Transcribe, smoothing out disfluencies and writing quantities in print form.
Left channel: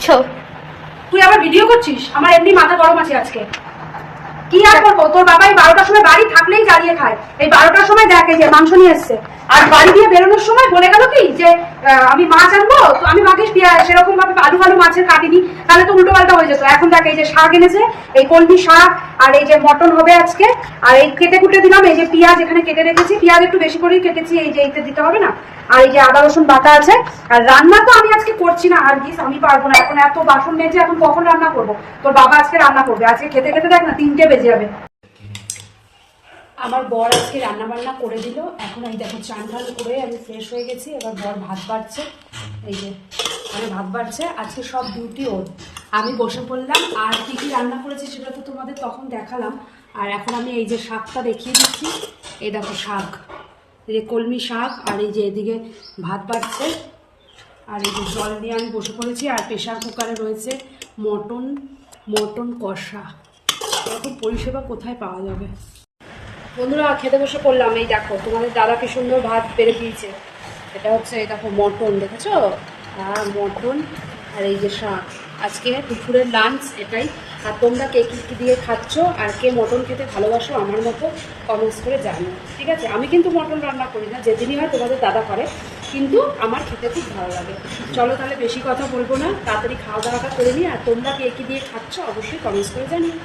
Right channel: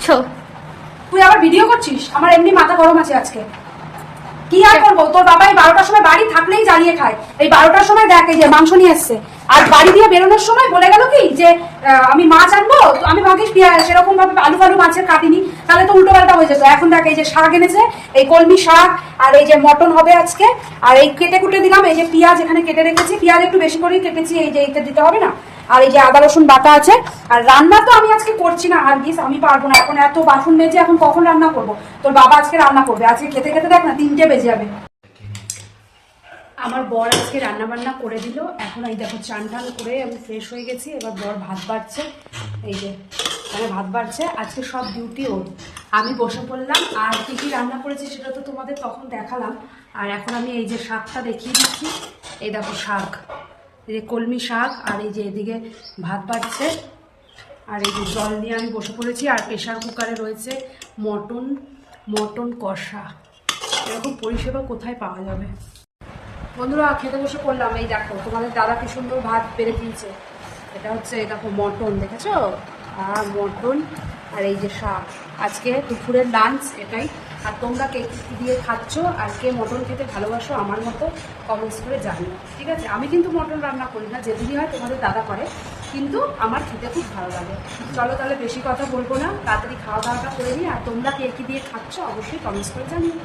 করছো? তুই আবার ভিডিও করছিস? আমার এমনি মাথা গরম আছে আজকে। কি আর করবো, তোর বাবাই 12টার সময় বাড়ি থাকলেই জ্বালিয়ে খায়। এই 12টার সময় দেখে যে মাংস নিয়ে এসছে, আর বাড়ি দিয়ে বেরোনোর সময় বলে গেল কি যে আমি মাছ আনবো। তো আমি ভাবিস সেরকম ভাবে আলু ফালু মাছের কাটিনি, তাহলে তো উল্টো পাল্টা হয়ে যেত। এখন দেখ এই যে শাক এনেছে, এই কলমি শাক, আর এই যে মটন হবে আজকে, আর এই কেটে কুটে দিলাম। এই যে পেঁয়াজ এখানে কেটে রেখেছি, পেঁয়াজ একটু বেশি করেই কেটেছি, এই যে এতে দিতে হবে না। আর এই যে আদা রসুন বাটা আছে। আর রান্না তো আমি আজকে করছি না, আর গিস আমি পারবো না, এখন এত বাসন মেজে এখন কখন রান্না করবো? তোর বাবা আজকে রান্না করবে, আজকে খেতে খেতে দেখ না 3টে বেজে যাবে। আমার বর আজকে রান্না বান্না করে দিল। এখন এই দেখো চান টান করে আমি ফ্রেশ হয়ে গেছি। এবার বর ভাত বাড়ছে, এই যে ভাত বাড়ছে। আজকে সব ডিউটি ওর, আমি বসে পড়লাম। আর কি কি রান্না করেছি সেটা তো তোমাদের তখন দেখালাম। আর এখন আমি এই যে শাকটা দেখিয়ে দিচ্ছি। এই দেখো শাক, এই যে কলমি শাক, আর এই যে এদিকে ভাত বাড়ছে, আর এই যে জল নিয়ে আমি বসে পড়েছি। আর প্রেশার কুকারে রয়েছে মটন কষা। এরকম পরিষেবা কোথায় পাওয়া যাবে? বন্ধুরা খেতে বসে পড়লাম। এই দেখো তোমাদের দাদা কি সুন্দর ভাত বেড়ে দিয়েছে। এটা হচ্ছে এই দেখো মটন, দেখেছো? আর মটন, আর এই যে শাক। আজকে দুপুরের লাঞ্চ এটাই। আর তোমরা কে কি দিয়ে খাচ্ছ আর কে মটন খেতে ভালোবাসো আমার মতো কমেন্টস করে জানিও, ঠিক আছে? আমি কিন্তু মটন রান্না করি না, যেদিনই হয় তোমাদের দাদা করে, কিন্তু আমার খেতে খুব ভালো লাগে। চলো তাহলে বেশি কথা বলবো না, তাড়াতাড়ি খাওয়া দাওয়াটা করে নিই। আর তোমরা কে কি দিয়ে খাচ্ছ অবশ্যই কমেন্টস করে জানিও।